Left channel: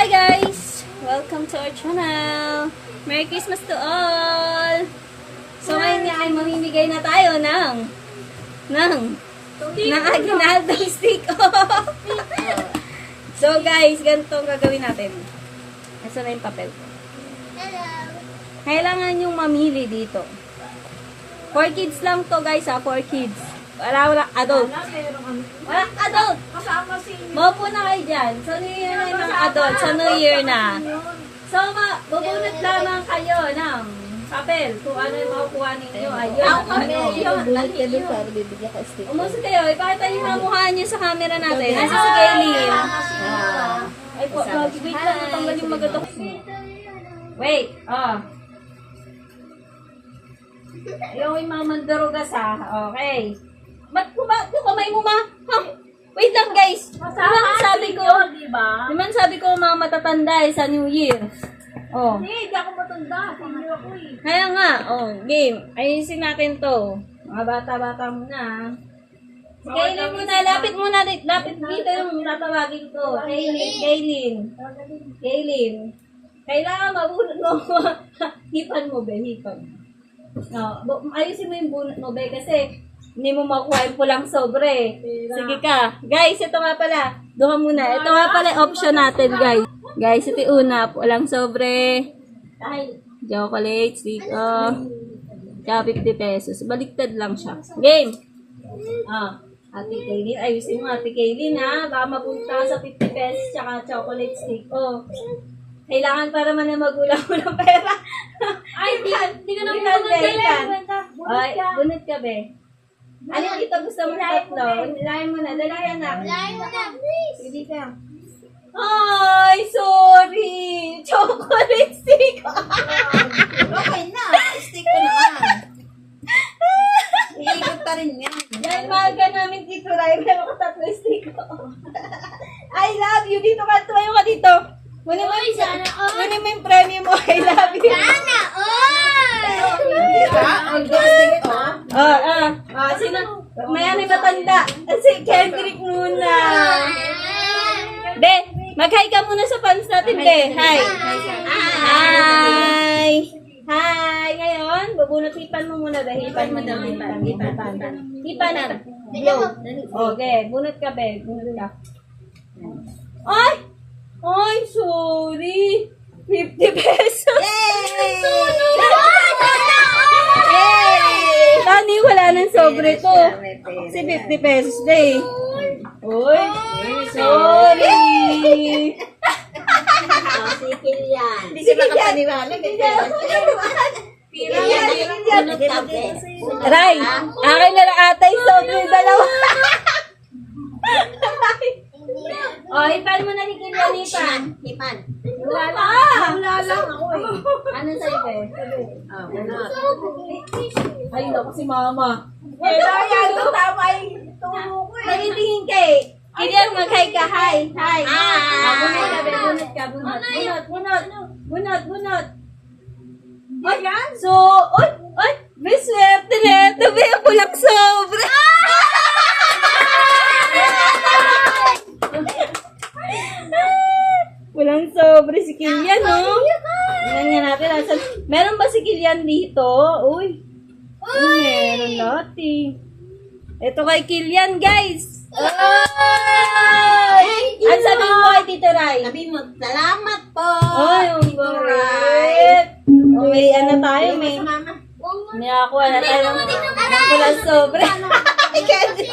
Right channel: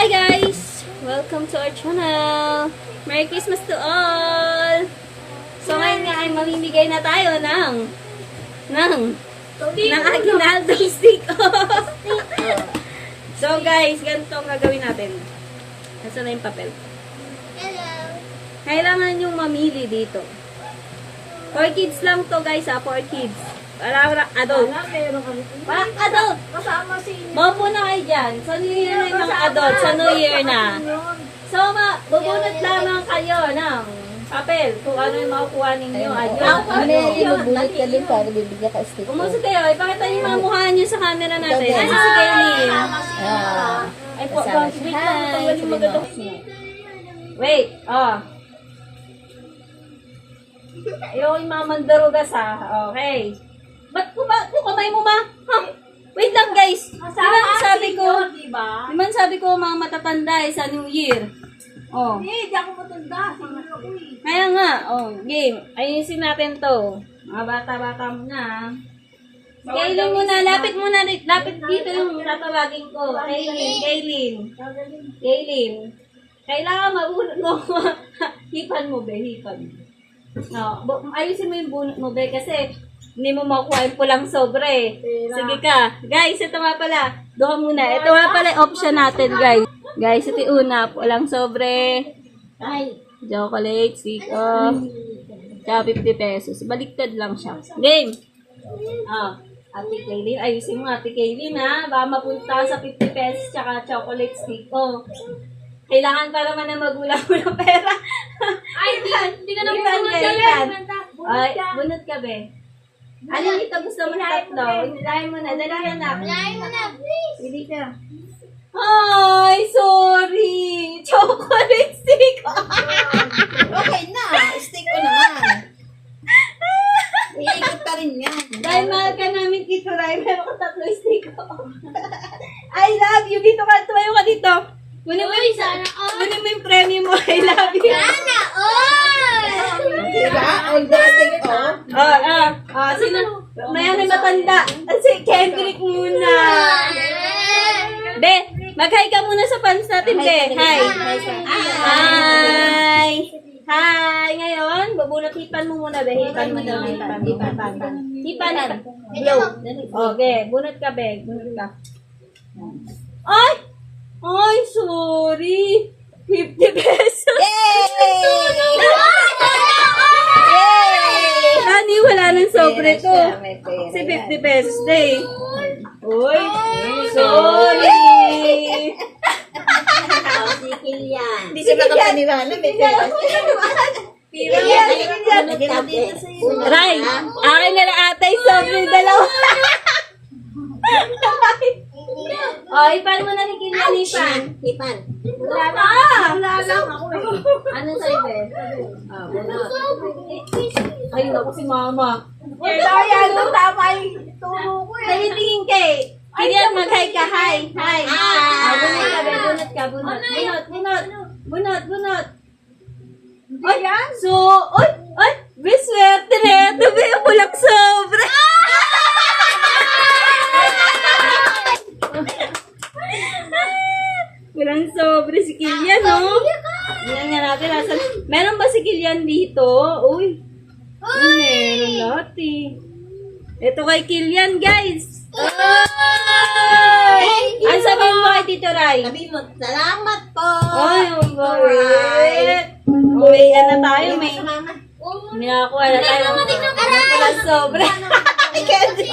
Hi guys! Welcome to our channel! Merry Christmas to all! So ngayon nga ay mamimigay na tayo ng ng ng aginaldo stick So guys, ganito ang gagawin natin. Nasaan na yung papel? Hello. Kailangan yung mamili dito. For kids lang to guys ha, for kids. Para walang adult. Walang adult! Kasama si Mapo na kayo dyan. Sa New Year na yung mga adult. Sa New Year na. So, bubunot lamang kayo ng papel. Kung ano yung makukuha ninyo. Ayun. Ako kami yung bulit ka din para bibigyan ka stick. Umuso kayo. Ipakita niyo yung mga mukha niyo sa camera natin. Ay, si Kaylin. Ah. Ay, po, wait lang. Tanggalin magatok mo. Wait. Ah. Ayaw yung mga mandarugas ha. Okay. Ba't ko ba? Yung kamay mo ma? Ha? Wait lang guys. Di ba sabi ko? di ba? Di ba sabi ko mga matatanda eh, sa New Year? Oh. Hindi, di ako matanda. Senior ako eh. Kaya nga, oh, game. Ayusin natin to. Mga bata-bata muna. Kailin muna, lapit muna, lapit dito yung tatawagin ko. Kailin, Kailin. Kailin. Kailangan mabunot mo. hipan mo, be, hipan. No, bu- ayusin mo yung bunot mo, be, kasi hindi mo makuha yung pulang sobre. Sige ka. Guys, ito nga pala. Doha muna. Ito nga pala yung option natin, guys. Guys, ito yung una. Pulang sobre. Ay. Chocolate, siko. Tsaka 50 pesos. Baliktad lang siya. Game! Ah, Ate Kaylin. Ayusin mo, Ate Kaylin, ha? Baka mapunta ka sa 50 pesos tsaka chocolate stick. Oh. Kailangan pa naman na magulang mo ng pera. Ay, hindi, hindi ka naman bunot Ay, bunot ka, be. Ano yung kita gusto mo na tatlo? Dalahin mo na. Dalahin na. Lain mo na, please. Pili ka. Ay, sorry. Chocolate stick. Okay na, stick ko naman. Iikot pa rin yan. Dahil mahal ka namin dito, Rai, meron ko tatlo stick ko. I love you. Dito ka, tumayo ka dito. Kunin mo yung, Sana all. kunin mo yung premium mo. I love you. Sana all. Di ba? All the stick ko. Ah, ah, ah, sino? May ano yung matanda. Si Kendrick muna. Be, mag-hi ka muna sa fans natin, Be. Hi. Hi. Hi. Ngayon, bubunot hipan mo muna, Be. Hipan mo na. Hipan, hipan. Hipan. Blow. Okay, bunot ka, Be. Bunot ka. Ay! Ay, sorry. 50 pesos. Yay! Yay! Tani, wala nang sobre to. Yan. 50 pesos day. Uy, sorry. Si Kilian. Hindi siya makapaniwala. May pera. Ray, akin na lang ata yung sobre yung dalawa. oh, ipan mo na ni Kilian, ipan. Hipan. Wala lang. Wala lang ako eh. Ano sa'yo, be? Ah, wala. Ay, ako si mama. Eh, dahil ito tama yung turo ko eh. Nanitingin kay. Kilian, mag-hi ka. Hi. Hi. Ah, bunot ka, be. Bunot ka. Bunot. Bunot. Bunot. Bunot. Bunot. Ay, so, oy, oy, may swerte na ito. May pulang sobra. Walang sobre si Kilian, no? Tingnan nga natin. Asan? Meron ba si Kilian dito? Uy. Uy, meron lati. Ito kay Kilian, guys. Ay! Ang sabihin mo kay Tito Ray? Sabi mo, salamat po. Ay, ang bait. Okay, ano tayo, may... May nakakuha na tayo ng ng pulang sobre. Ay, Candy.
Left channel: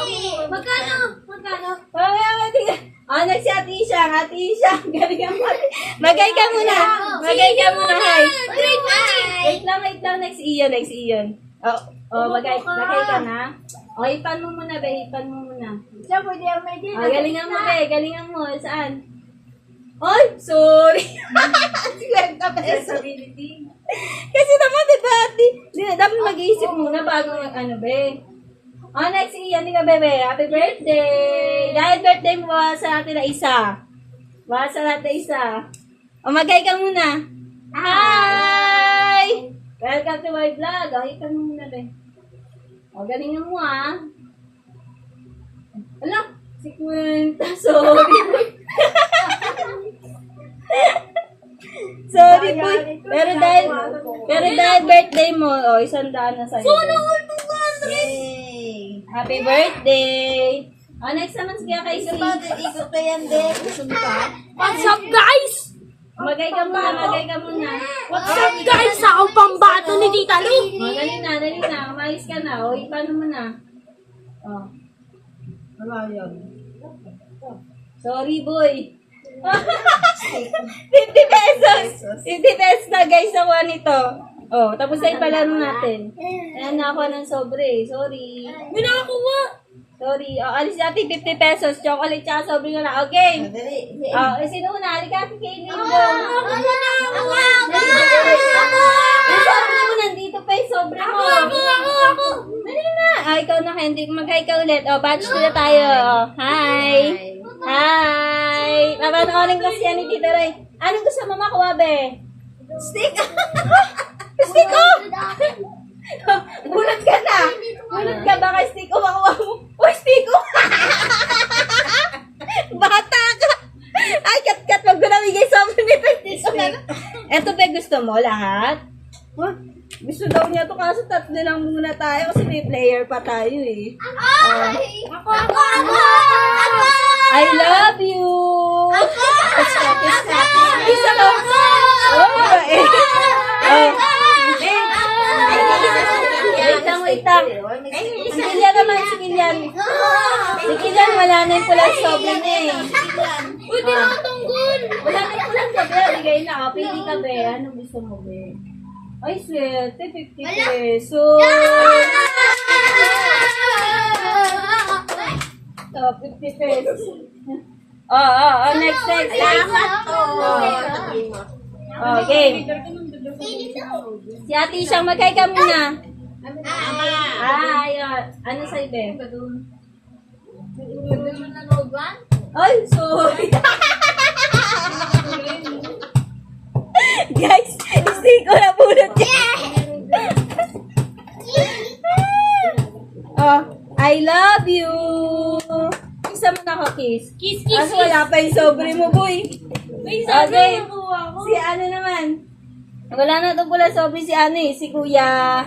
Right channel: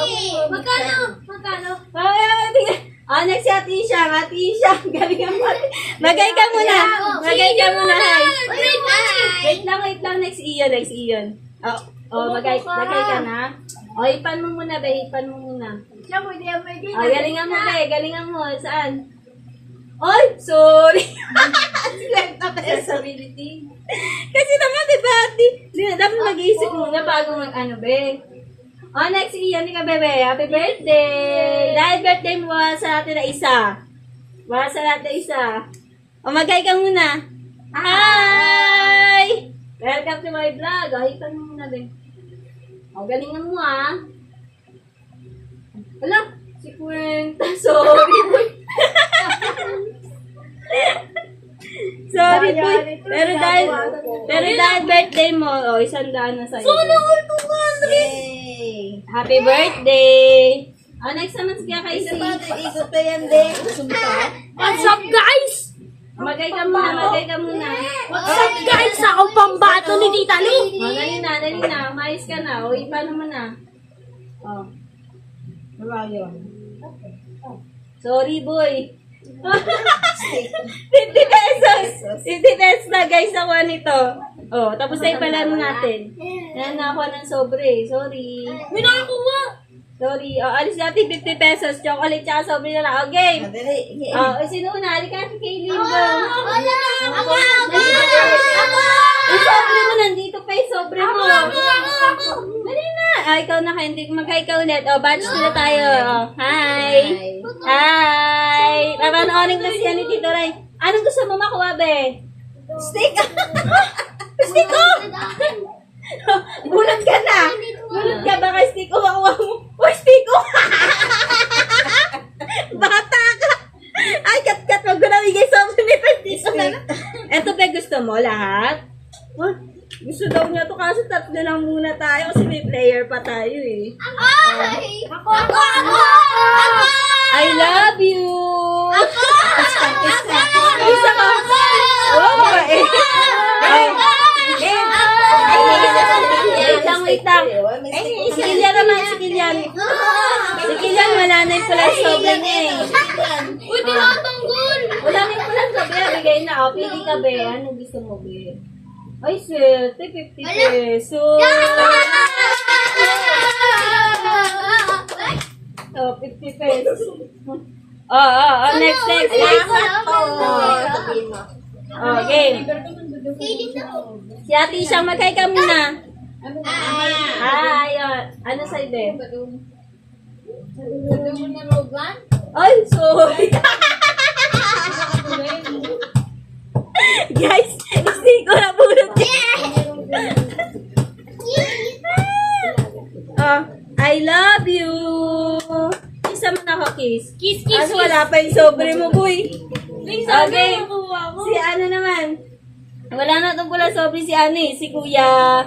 Magkano? Magkano? Ay, ay, tingnan. Ah, next si Ate Isha. Ate Isha, galing ang. Magay ka muna. Magay ka muna, hi. Wait lang, wait lang. Next Iyon, next Iyon. Oh, oh magay, magay ka na. Oh, ipan mo muna, be. Ipan mo muna. Siya, pwede yan, pwede. Oh, galingan mo, be. Galingan mo. Saan? Ay, sorry. Accessibility. Kasi naman, di ba, di, di, dapat mag-iisip muna bago mag, ano, be. Oh, next iyan ni ka, bebe. Happy birthday! Dahil birthday mo, wala sa natin na isa. Wala sa natin na isa. O, magay ka muna. Hi! Welcome to my vlog. O, hipan mo muna, be. O, galingan mo, ah. Ala, si Kwenta. Sorry. Pero dahil, pero dahil birthday mo, oh, isang daan na sa'yo. Yay! Happy birthday! Oh, next naman sige kay Isa si. pa, ikot pa yan, de. Gusto mo pa? What's up, guys? Magay ka muna, magay ka muna. What's up, guys? Ako pambato ni Tita Lu. Oh, dali na, dali na. Umayos ka na. O, ipa naman na. Oh. Malayo. Sorry, boy. 50 pesos! 50 pesos na, guys, nakuha nito. Oh, tapos na ipalaro natin. Ayan na ako ng sobre. Sorry. May nakakuha. Sorry. Oh, alis natin 50 pesos. Chocolate tsaka sobre na lang. Okay. Madali. Oh, eh, sino una? Halika si Kaylin. Go. Ako! Ako! Ako! Ang sobre mo, nandito pa yung sobre mo. Ako! Ako! Dali na. Ah, ikaw na, Henrik. Mag-hi ka ulit. Oh, batch na tayo. Oh, hi. Hi. Papanoorin kasi yan ni Tito Ray. Anong gusto mo makuha, be? Stick! Stick ko! Gulat ka na. Gulat ka, baka stick ko makuha mo. Uy, stick! Bata ka! Ay, kat-kat, wag ko na bigay sa ni Stick ko na. Eto, pe, gusto mo lahat? Huh? Gusto daw niya to kasi tatlo lang muna tayo kasi may player pa tayo eh. Ay! Ako! Ako! Ako! Ako! I love you! Ako! Isa ka! Oh, babae! Oh, babe! Wait lang, wait lang. Si Kilian naman, si Kilian. Si Kilian, wala na yung pula sobre niya eh. Uy, tinatanggol! Wala na yung pula sobre, bigay na. O, pili ka, be. Ano gusto mo, be? Ay, swerte, 50 pesos. Oh, 50 pesos. Oh, oh, oh, next, next. Oh, game. Si Ate Isang, magkay ka muna. Ay, oh, ano sa ibe? Ay, sorry. Guys, hindi ko na pulot yan. Ah, I love you. Isa mo na ako, kiss. Kiss, kiss, Kaso wala pa yung sobre mo, boy. May Okay. nakuha ko. Si ano naman? Wala na itong pula sobre si ano eh, si Kuya.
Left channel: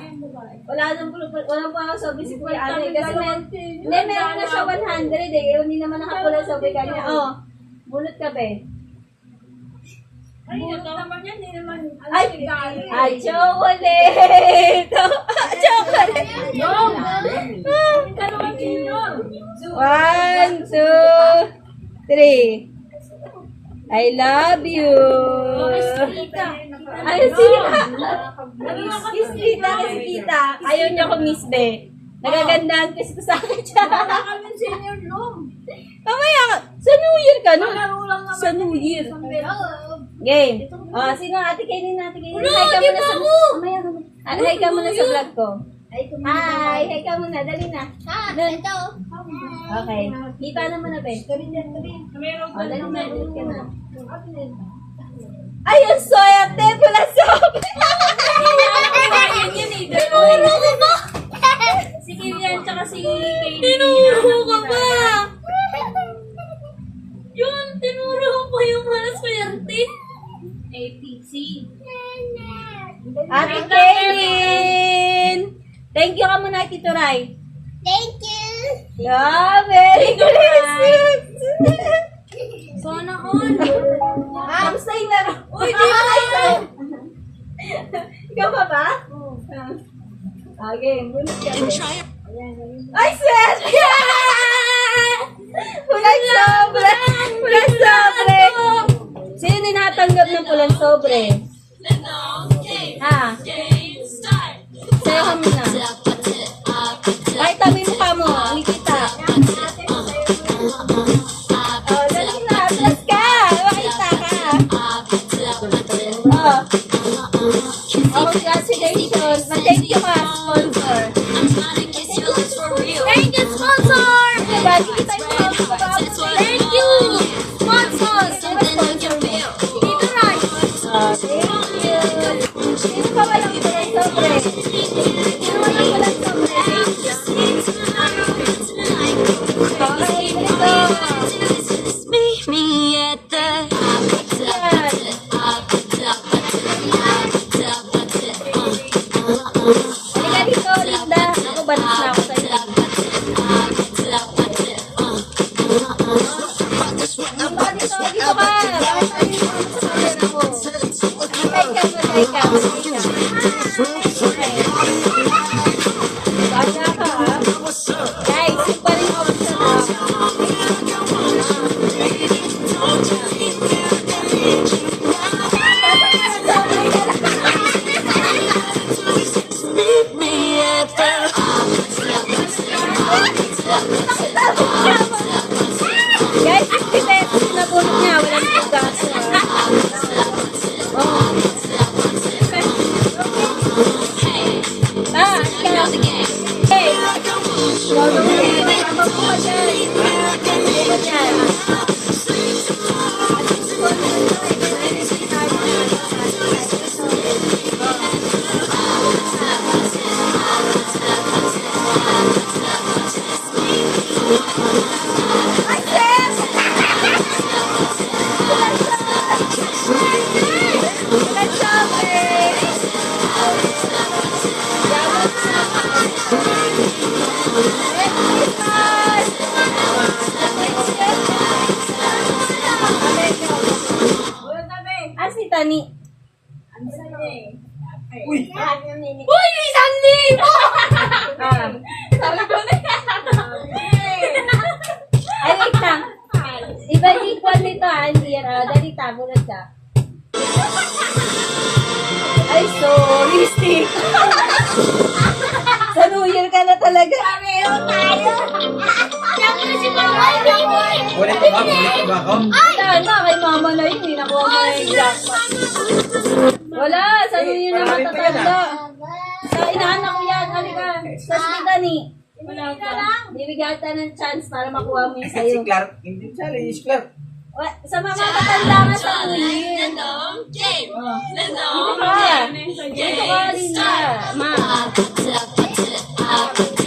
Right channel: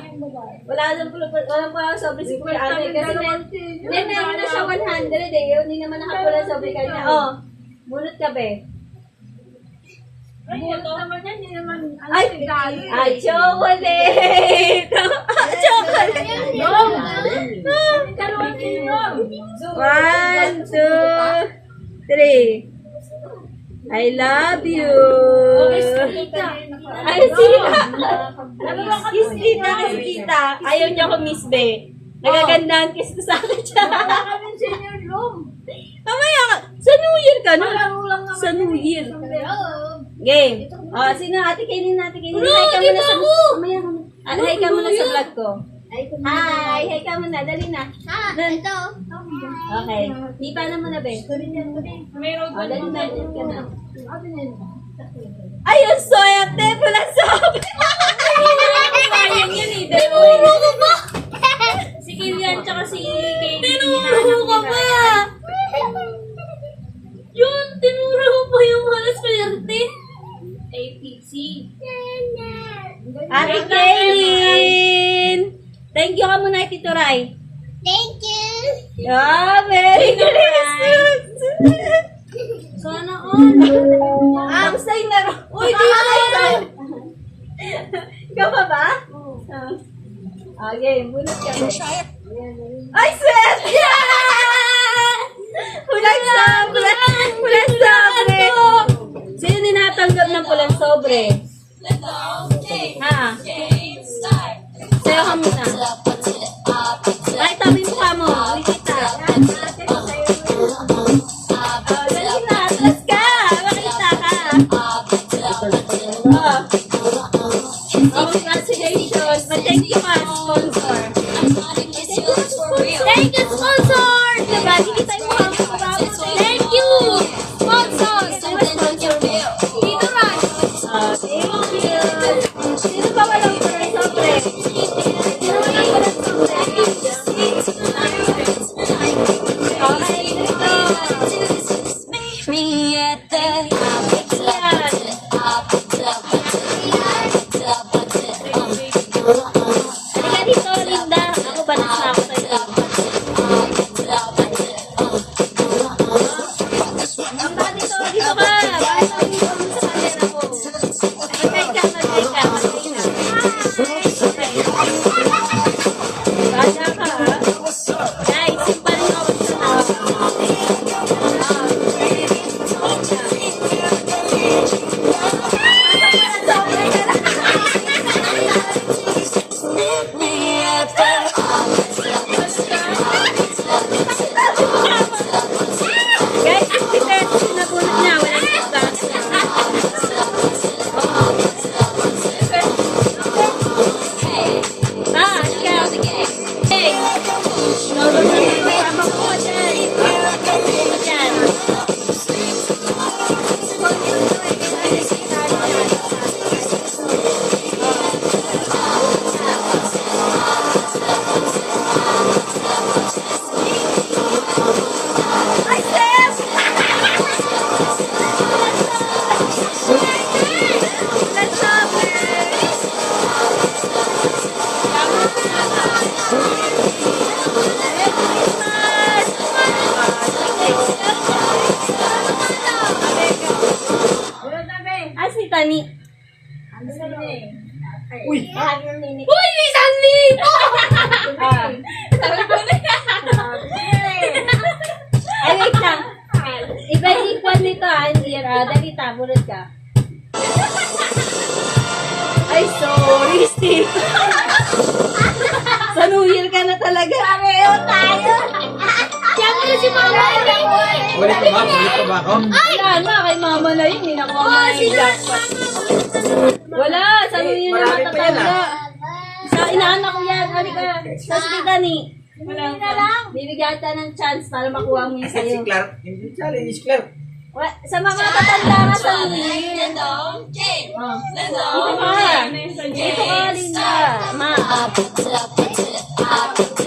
Wala na pula, wala pa sobre si Kuya ano eh. Kasi may, hindi, meron na siya 100 eh. Hindi naman nakapula sobre kanya. Oh, bunot ka be. Ay, naman yan. Hindi naman. Ay, ay, chocolate! chocolate! One, two, three. I love you. Ay, sila. Kiss tita kasi tita. Ayaw niya ako miss be. Nagagandaan kiss ko sa akin siya. Mamaya, sa New Year ka na. Sa New Year. Game. Oh, sino ate kainin natin kainin. Hi ka muna sa Mamaya ka muna. Ah, Hi ka muna sa vlog ko. Hi, hi ka muna. Dali na. Ah, ito. Okay. Di pa na, be. Mayroon Oh, dali na. Dali ka na. Ay, ang swerte! Pula sabi! Ayan yan eh. Tinuro ko ba? Si Kilian tsaka si Katie. Tinuro ka pa! Yun, tinuro ko pa yung malas swerte. APC. Ate Kaylin! Thank you ka muna, Tito Ray. Thank you! Yeah, very Christmas! Sana all. Basta yung laro. Uy, di ba kayo? Ikaw pa ba? Ah. Okay, bunot ka. Ay, swerte! Pulang sobre! Pulang sobre! Sino tinatanggap ng pulang sobre? Ha? Sa'yo ka muna. Congratulations. Ma-thank you ka, Amen. Ah, hindi yan. Ah, dali tabulod ka. Ay, sorry, Steve. Sa New Year ka na talaga. Pareho tayo. Siyempre si Mama Baby. Ulit pa ba? Ulit pa ba ako? Wala na, kay mama na yun. Hindi nakuha mo na yung jackpot. Wala, sa New Year na yan, matatanda. Sa inaanak ko yan. Halika. Sa si Dani. Wala na lang. Bibigyan kita ng chance para makuha mo yung Si sa'yo. Clark. Hindi challenge, si Clark. Wa- Sa mga matatanda ka sa New Year. Oh. Dito ka. Dito ka, Linda. Ma. Kissy